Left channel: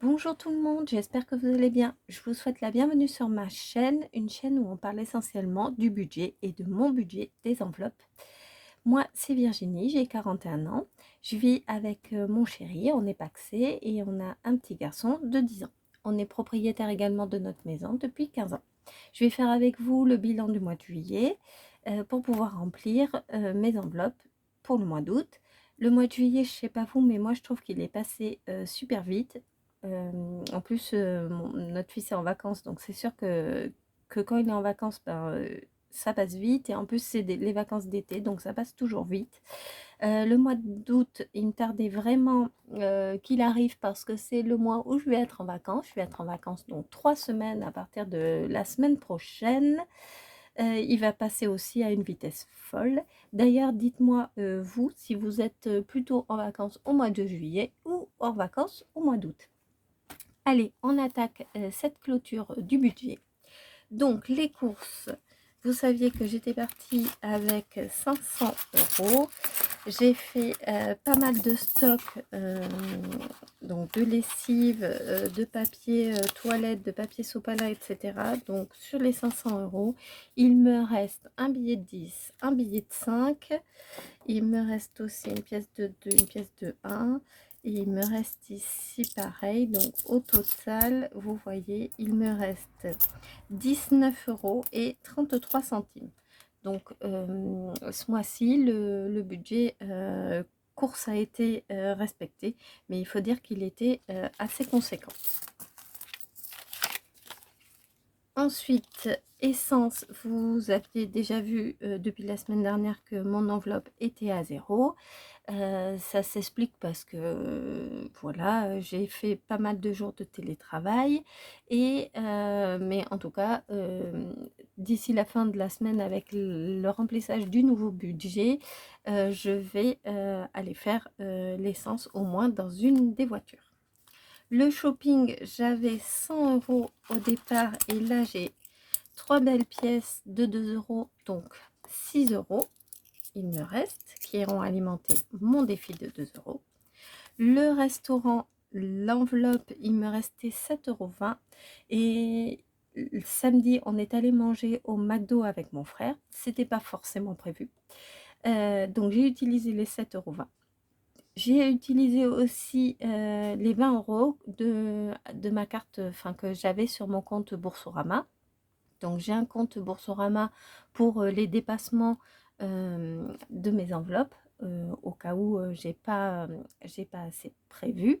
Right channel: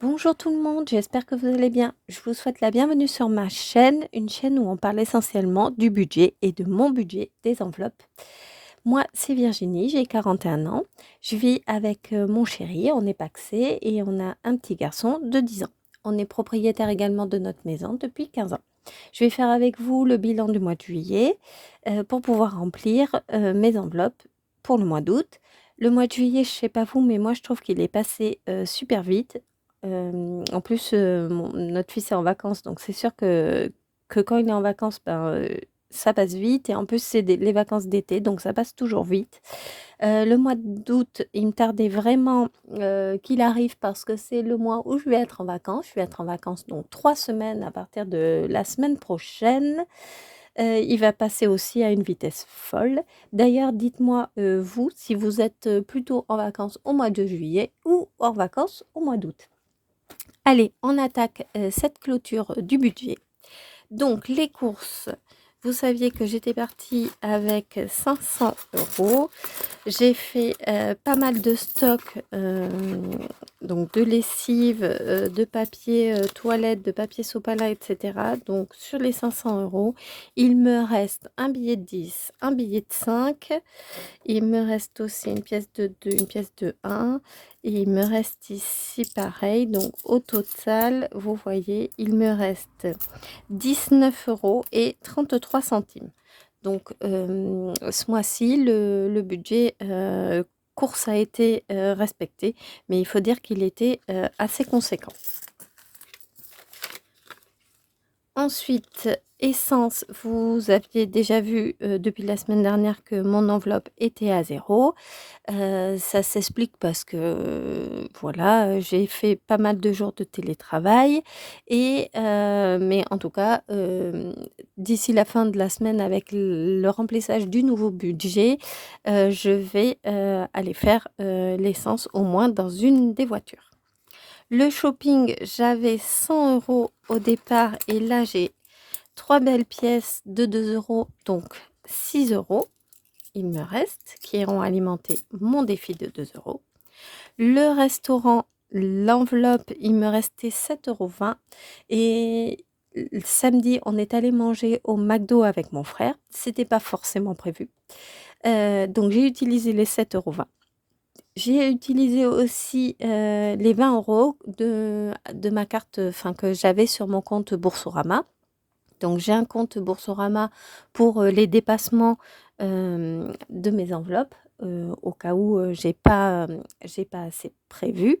Bonjour tout le monde, j'espère que vous allez bien. Je vous souhaite la bienvenue sur ma chaîne, une chaîne où on parle essentiellement du budget et de mon budget des enveloppes. Moi, c'est Virginie, j'ai 41 ans. Je vis avec mon chéri, on est pacsé et on a un petit garçon de 10 ans. On est propriétaire également de notre maison depuis 15 ans. Je vais faire avec vous le bilan du mois de juillet pour pouvoir remplir mes enveloppes pour le mois d'août. Le mois de juillet, je sais pas vous, mais moi je trouve qu'il est passé super vite. En plus, notre fils est en vacances, donc c'est sûr que quand il est en vacances, ben, ça passe vite et en plus, c'est les vacances d'été, donc ça passe toujours vite. Le mois d'août, il me tardait vraiment qu'il arrive parce que c'est le mois où je vais être en vacances. Je vais être en vacances donc 3 semaines à partir de la semaine prochaine. Il va passer aussi à une vitesse folle. D'ailleurs, dites-moi, vous, si vous êtes plutôt en vacances au mois de juillet ou en vacances au mois d'août. Allez, on attaque cette clôture du budget. Donc, les courses, vous saviez que j'étais partie avec 500 euros. J'ai fait pas mal de stock, donc de lessive, de papier toilette, de papier sopalin, etc. Donc, sur les 500 euros, il me reste un billet de 10, un billet de 5. Il me reste aussi une pièce de 2, une pièce de 1. Et il me reste ici pareil. Donc au total, vous voyez, il me reste 19 euros et 33 centimes. Donc ce mois-ci, le budget course a été respecté. Mais il faut dire qu'il était assez conséquent. Ensuite, essence, vous aviez déjà vu depuis la semaine dernière que mon enveloppe était à zéro. Ça s'explique parce que, voilà, j'ai fait pas mal de jours de télétravail et mais en tout cas, d'ici la fin de la semaine avec le remplissage du nouveau budget, je vais, aller faire, l'essence au moins dans une des voitures. Le shopping, j'avais 100 euros au départ et là, j'ai 3 belles pièces de 2 euros, donc 6 euros. Il me reste qui iront alimenter mon défi de 2 euros. Le restaurant, l'enveloppe, il me restait 7,20 € et samedi, on est allé manger au McDo avec mon frère. C'était pas forcément prévu. Donc j'ai utilisé les 7,20 €. J'ai utilisé aussi, les 20 € de ma carte, enfin que j'avais sur mon compte Boursorama. Donc j'ai un compte Boursorama pour, les dépassements, de mes enveloppes, au cas où, j'ai pas assez prévu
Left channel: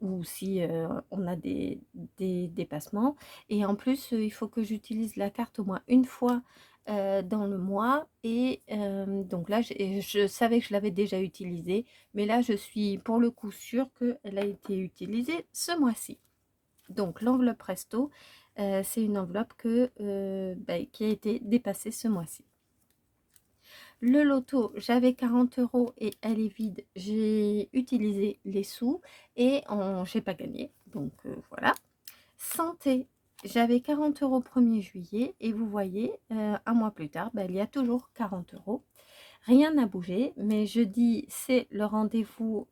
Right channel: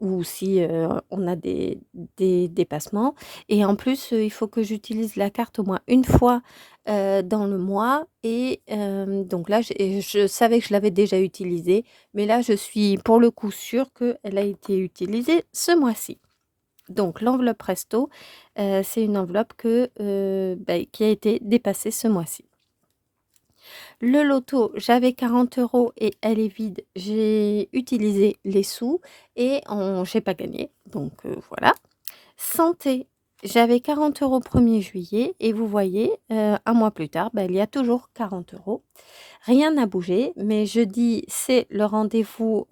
ou si, on a des dépassements et en plus, il faut que j'utilise la carte au moins une fois, dans le mois et donc là, je savais que je l'avais déjà utilisée, mais là, je suis pour le coup sûre qu'elle a été utilisée ce mois-ci. Donc l'enveloppe resto, c'est une enveloppe qui a été dépassée ce mois-ci. Le loto, j'avais 40 euros et elle est vide. J'ai utilisé les sous et j'ai pas gagné, donc voilà. Santé, j'avais 40 euros 1er juillet et vous voyez, un mois plus tard, il y a toujours 40 euros. Rien n'a bougé, mais jeudi, c'est le rendez-vous,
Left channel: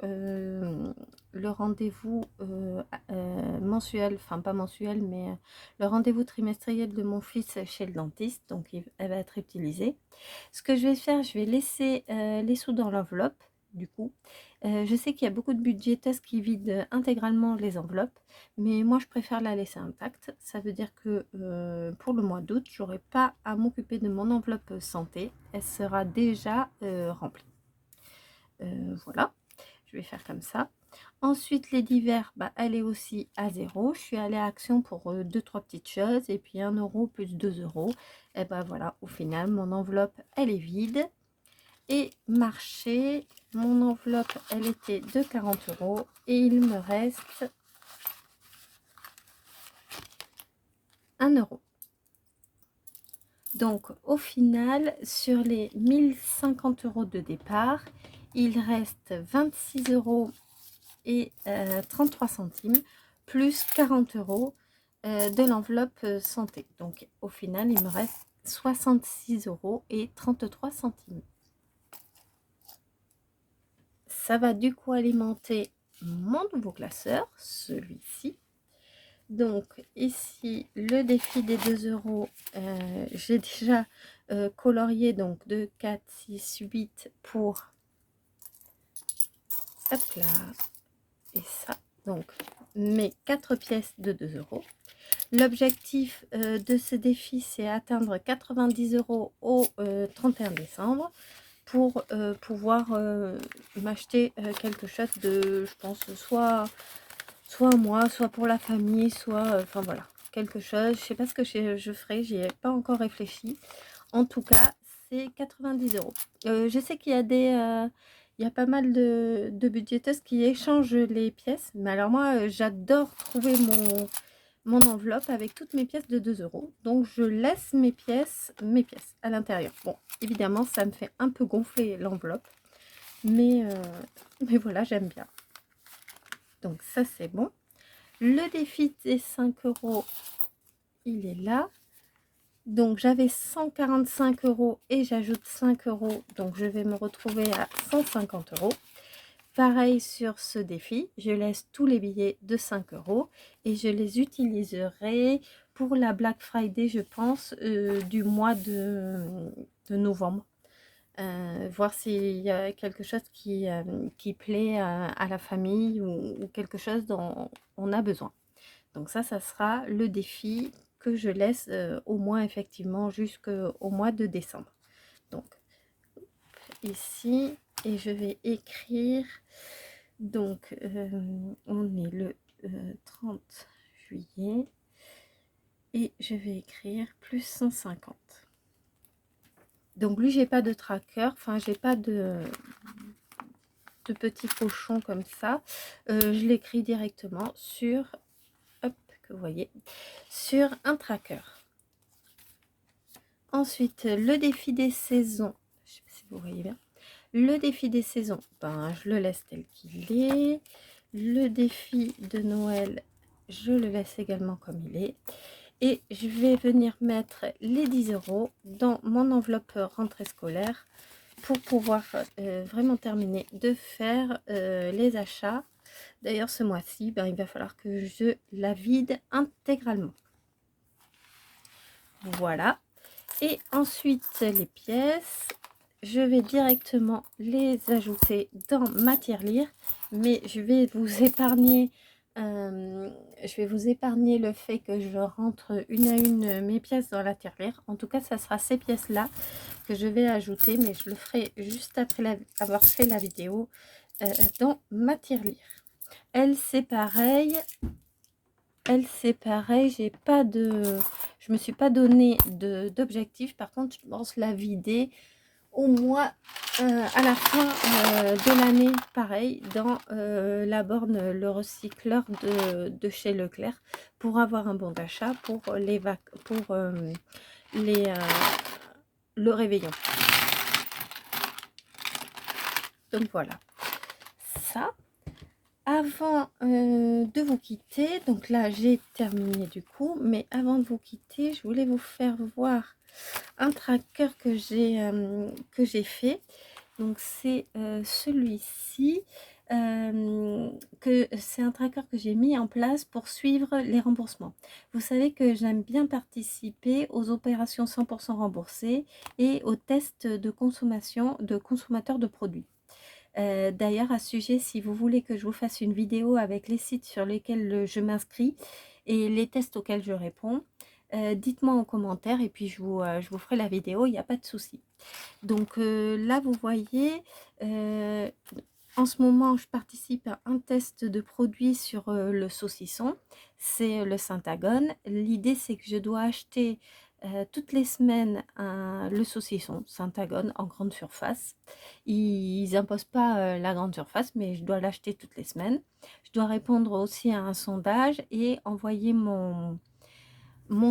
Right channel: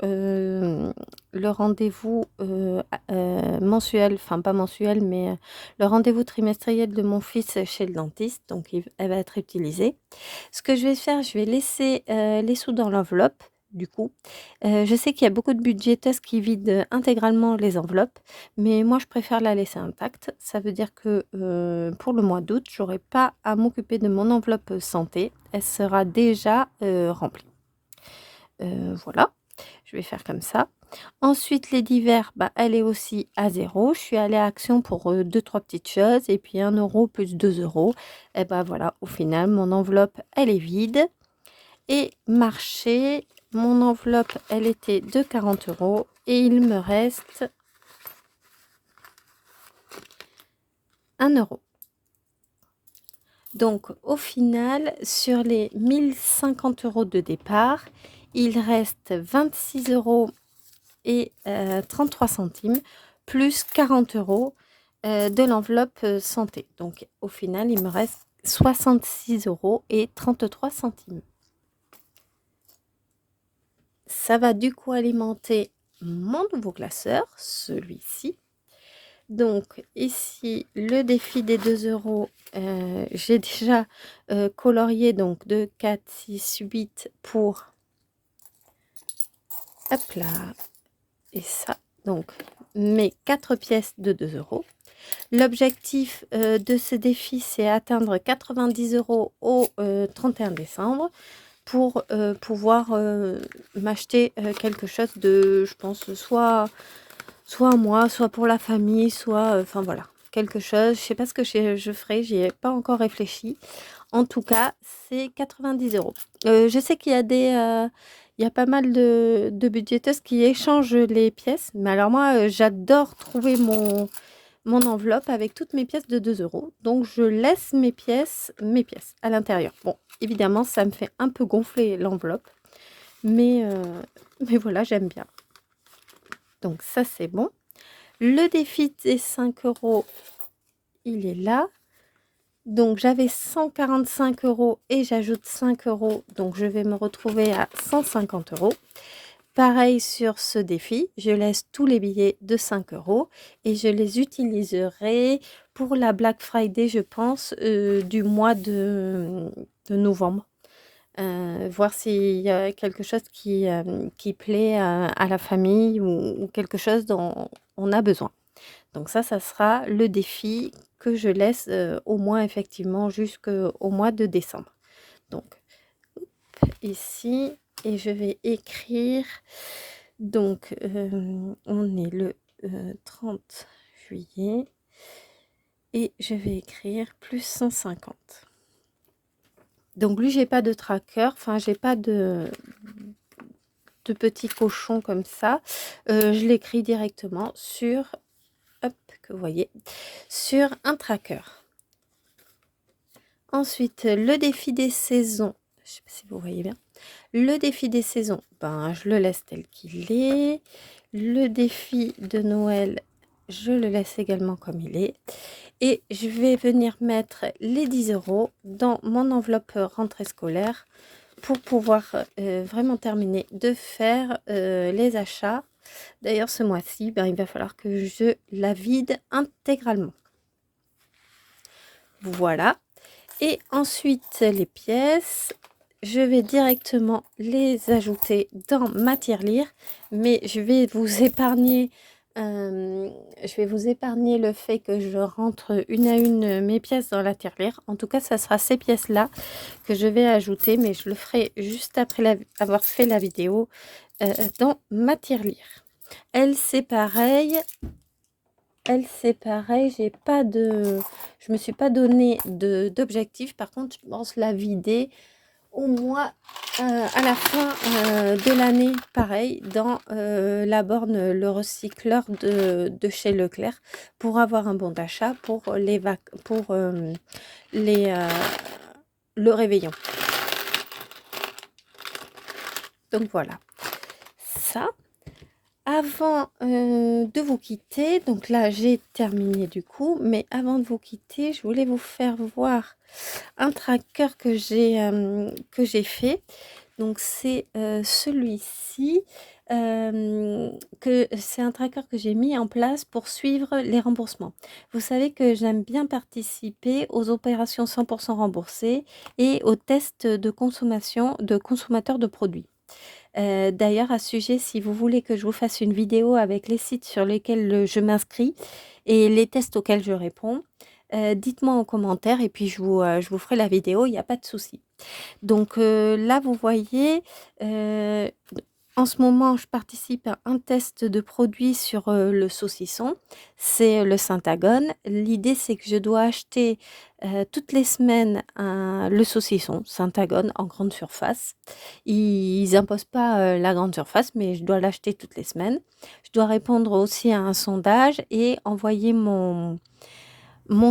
mensuel, enfin pas mensuel, mais, le rendez-vous trimestriel de mon fils chez le dentiste, donc elle va être utilisée. Ce que je vais faire, je vais laisser, les sous dans l'enveloppe, du coup. Je sais qu'il y a beaucoup de budgéteuses qui vident, intégralement les enveloppes, mais moi je préfère la laisser intacte. Ça veut dire que, pour le mois d'août, j'aurai pas à m'occuper de mon enveloppe, santé. Elle sera déjà, remplie. Voilà, je vais faire comme ça. Ensuite, les divers, elle est aussi à zéro. Je suis allée à Action pour 2-3 petites choses et puis 1 € plus 2 €. Et voilà, au final, mon enveloppe, elle est vide. Et marché, mon enveloppe, elle était de 40 euros et il me reste 1 €. Donc, au final, sur les 1050 euros de départ, il reste 26 euros et 33 centimes, plus 40 euros de l'enveloppe santé. Donc, au final, il me reste 66 euros et 33 centimes. Ça va du coup alimenter mon nouveau classeur, celui-ci. Donc ici, le défi des 2 euros, j'ai déjà colorié donc 2, 4, 6, 8 pour, hop là, et ça, donc mes 4 pièces de 2 euros. L'objectif de ce défi, c'est atteindre 90 euros au 31 décembre pour pouvoir m'acheter quelque chose de, je pense, soit moi, soit pour la famille, soit, enfin voilà, quelque chose. Je sais pas ce que je ferai, j'y ai pas encore réfléchi. En tout cas, c'est 90 euros. Je sais qu'il y a il y a pas mal de budgéteuses qui échangent les pièces, mais alors moi, j'adore trouver mon enveloppe avec toutes mes pièces de 2 euros. Donc je laisse mes pièces à l'intérieur. Bon, évidemment, ça me fait un peu gonfler l'enveloppe, mais, mais voilà, j'aime bien. Donc ça, c'est bon. Le défi des 5 euros, il est là. Donc j'avais 145 euros et j'ajoute 5 euros. Donc je vais me retrouver à 150 euros. Pareil sur ce défi, je laisse tous les billets de 5 euros et je les utiliserai pour la Black Friday, je pense, du mois de novembre. Voir s'il y a quelque chose qui plaît à la famille ou quelque chose dont on a besoin. Donc ça sera le défi que je laisse au moins effectivement jusqu'au mois de décembre. Donc ici, et je vais écrire, donc on est le 30 juillet et je vais écrire plus 150. Donc lui, j'ai pas de tracker, enfin j'ai pas de petits cochons comme ça. Je l'écris directement sur, hop, que vous voyez, sur un tracker. Ensuite, le défi des saisons, je sais pas si vous voyez bien. Le défi des saisons, ben, je le laisse tel qu'il est. Le défi de Noël, je le laisse également comme il est. Et je vais venir mettre les 10 euros dans mon enveloppe rentrée scolaire pour pouvoir vraiment terminer de faire les achats. D'ailleurs, ce mois-ci, ben, il va falloir que je la vide intégralement. Voilà. Et ensuite, les pièces, je vais directement les ajouter dans ma tirelire, mais je vais vous épargner, le fait que je rentre une à une mes pièces dans la tirelire. En tout cas, ça sera ces pièces-là que je vais ajouter, mais je le ferai juste après avoir fait la vidéo dans ma tirelire. Elle, c'est pareil. J'ai pas je me suis pas donné d'objectif. Par contre, je pense la vider au moins à la fin de l'année, pareil, dans la borne le recycleur de chez Leclerc pour avoir un bon d'achat pour le réveillon. Donc voilà, ça. Avant de vous quitter, donc là j'ai terminé du coup, mais avant de vous quitter, je voulais vous faire voir un tracker que j'ai fait. Donc c'est celui-ci, c'est un tracker que j'ai mis en place pour suivre les remboursements. Vous savez que j'aime bien participer aux opérations 100% remboursées et aux tests de consommation de consommateurs de produits. D'ailleurs, à ce sujet, si vous voulez que je vous fasse une vidéo avec les sites sur lesquels je m'inscris et les tests auxquels je réponds, dites-moi en commentaire et puis je vous ferai la vidéo, il n'y a pas de souci. Donc là, vous voyez, en ce moment, je participe à un test de produit sur le saucisson. C'est le Syntagone. L'idée, c'est que je dois acheter toutes les semaines le saucisson Syntagone en grande surface. Ils imposent pas la grande surface, mais je dois l'acheter toutes les semaines. Je dois répondre aussi à un sondage et envoyer mon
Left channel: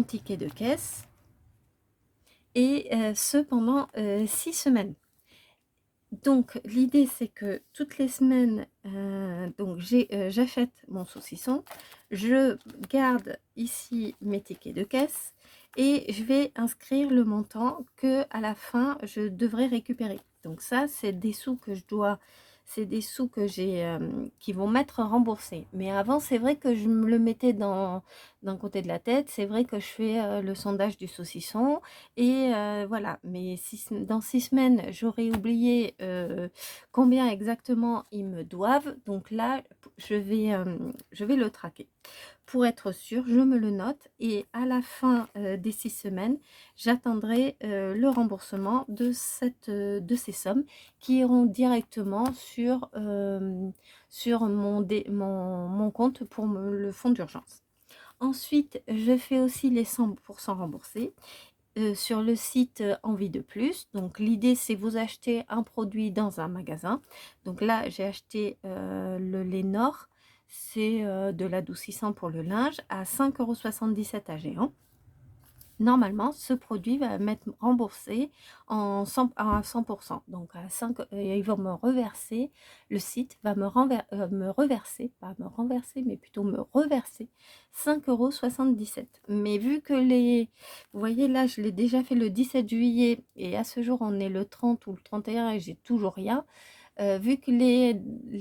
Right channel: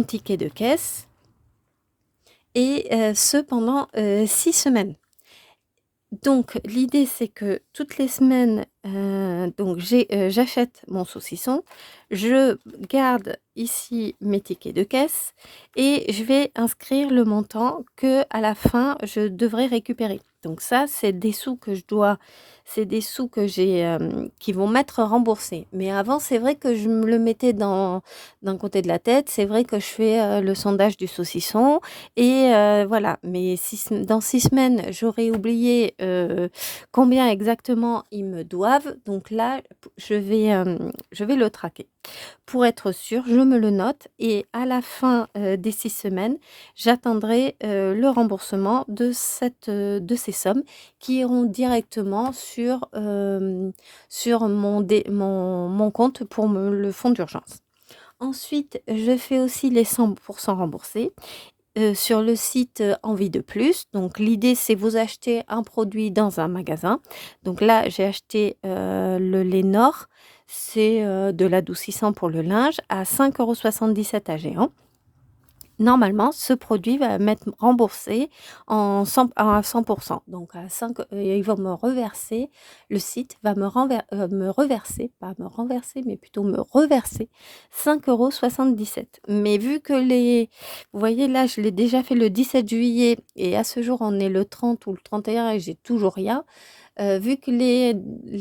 ticket de caisse. Et ce pendant 6 semaines. Donc l'idée, c'est que toutes les semaines, donc j'achète mon saucisson, je garde ici mes tickets de caisse et je vais inscrire le montant que à la fin je devrais récupérer. Donc ça, c'est des sous que je dois c'est des sous que j'ai, qui vont m'être remboursés. Mais avant, c'est vrai que je me le mettais d'un côté de la tête. C'est vrai que je fais, le sondage du saucisson et voilà. Mais dans 6 semaines, j'aurais oublié, combien exactement ils me doivent. Donc là, je vais le traquer. Pour être sûre, je me le note et à la fin, des 6 semaines, j'attendrai, le remboursement de ces sommes qui iront directement sur mon compte pour le fonds d'urgence. Ensuite, je fais aussi les 100 remboursés, sur le site, Envie de plus. Donc l'idée, c'est vous achetez un produit dans un magasin. Donc là, j'ai acheté, le Lénore, c'est, de l'adoucissant pour le linge à 5,77 € à Géant. Normalement, ce produit va m'être remboursé à 100. Donc à 5, ils vont me reverser le site va me reverser, pas me renverser, mais plutôt me reverser 5,77 €. Mais vu que vous voyez là, je l'ai déjà fait le 17 juillet et à ce jour, on est le 30 ou le 31 et j'ai toujours rien. Vu que les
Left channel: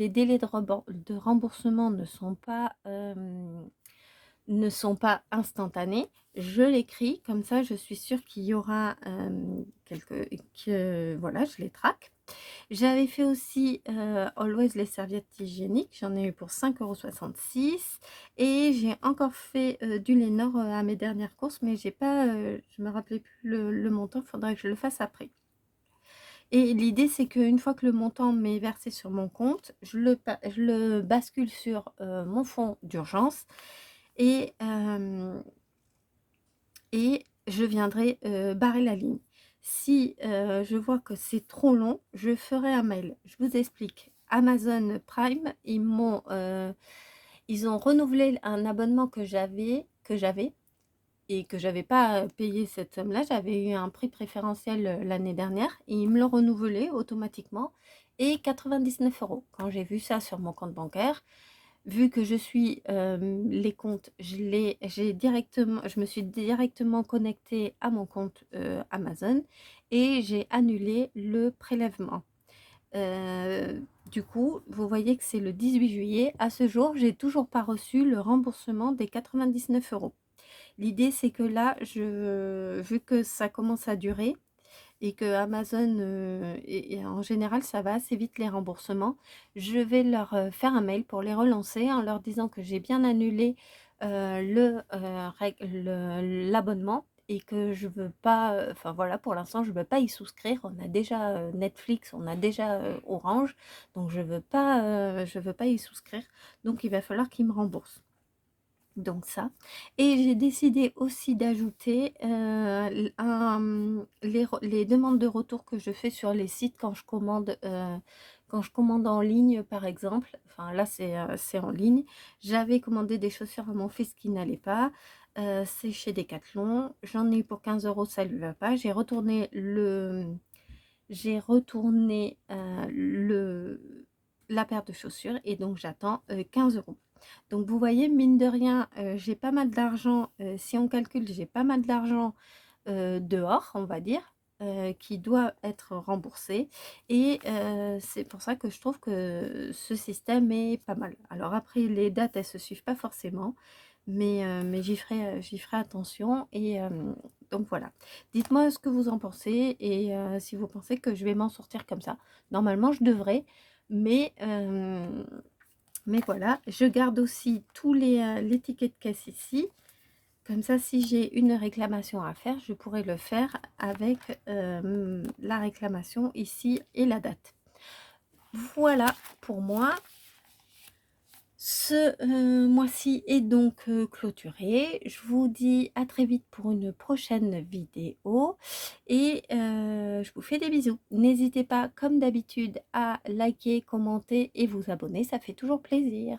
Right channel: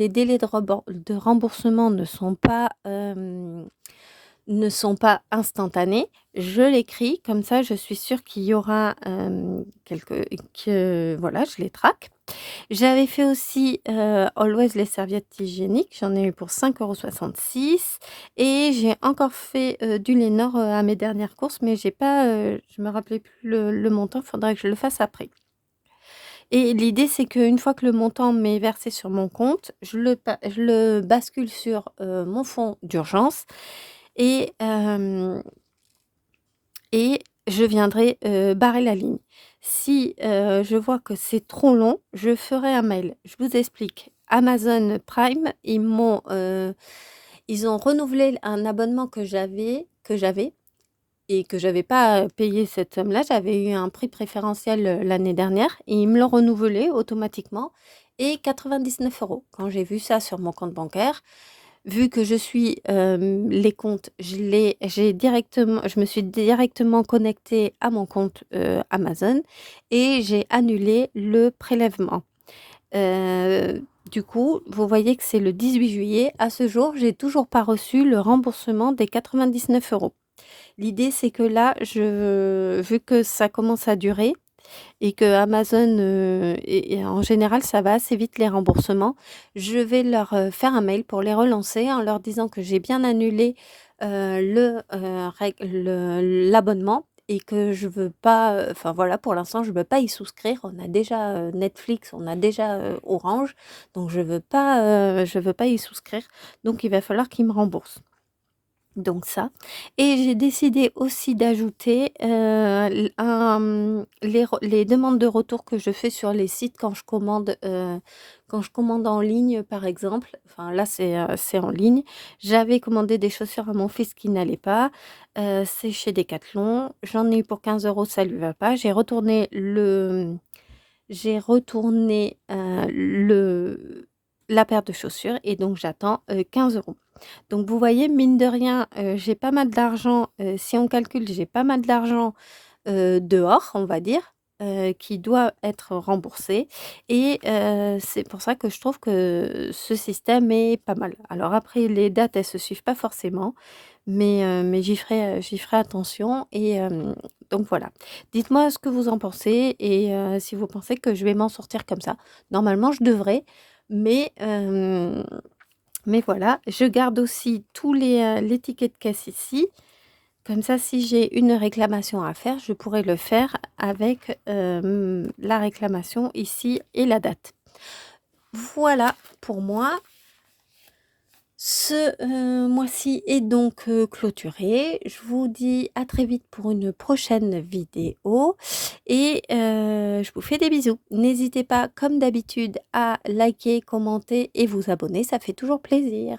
délais de remboursement ne sont pas instantanés, je l'écris, comme ça je suis sûre qu'il y aura, que voilà, je les traque. J'avais fait aussi, Always les serviettes hygiéniques, j'en ai eu pour 5,66 € et j'ai encore fait, du Lénore, à mes dernières courses, mais j'ai pas, je me rappelais plus le montant, il faudrait que je le fasse après. Et l'idée, c'est qu'une fois que le montant m'est versé sur mon compte, je le bascule sur, mon fonds d'urgence et je viendrai, barrer la ligne. Si, je vois que c'est trop long, je ferai un mail. Je vous explique. Amazon Prime, ils ont renouvelé un abonnement que j'avais et que j'avais pas, payé cette somme-là. J'avais eu un prix préférentiel, l'année dernière et ils me l'ont renouvelé automatiquement et 99 €. Quand j'ai vu ça sur mon compte bancaire, vu que je suis, les comptes, je me suis directement connectée à mon compte, Amazon et j'ai annulé le prélèvement. Du coup, vous voyez que c'est le 18 juillet. À ce jour, j'ai toujours pas reçu le remboursement des 99 €. L'idée, c'est que là, vu que ça commence à durer et que Amazon, et en général, ça va assez vite les remboursements, je vais leur, faire un mail pour les relancer en leur disant que j'ai bien annulé, l'abonnement et que je veux pas, enfin voilà, pour l'instant, je veux pas y souscrire. On a déjà, Netflix, on a déjà, Orange, donc je veux pas y souscrire, donc il va falloir qu'ils me remboursent. Donc ça et j'ai décidé aussi d'ajouter, les demandes de retour que je fais sur les sites quand je commande en ligne, par exemple. Enfin là, c'est en ligne. J'avais commandé des chaussures à mon fils qui n'allaient pas, c'est chez Decathlon. J'en ai eu pour 15 €, ça lui va pas. J'ai retourné, la paire de chaussures et donc j'attends, 15 €. Donc vous voyez, mine de rien, j'ai pas mal d'argent, si on calcule, j'ai pas mal d'argent, dehors, on va dire, qui doit être remboursé et c'est pour ça que je trouve que ce système est pas mal. Alors après les dates, elles se suivent pas forcément, mais j'y ferai attention et donc voilà. Dites-moi ce que vous en pensez et si vous pensez que je vais m'en sortir comme ça. Normalement, je devrais, mais voilà, je garde aussi les tickets de caisse ici. Comme ça, si j'ai une réclamation à faire, je pourrais le faire avec, la réclamation ici et la date. Voilà pour moi. Ce, mois-ci est donc, clôturé. Je vous dis à très vite pour une prochaine vidéo et je vous fais des bisous. N'hésitez pas, comme d'habitude, à liker, commenter et vous abonner, ça fait toujours plaisir.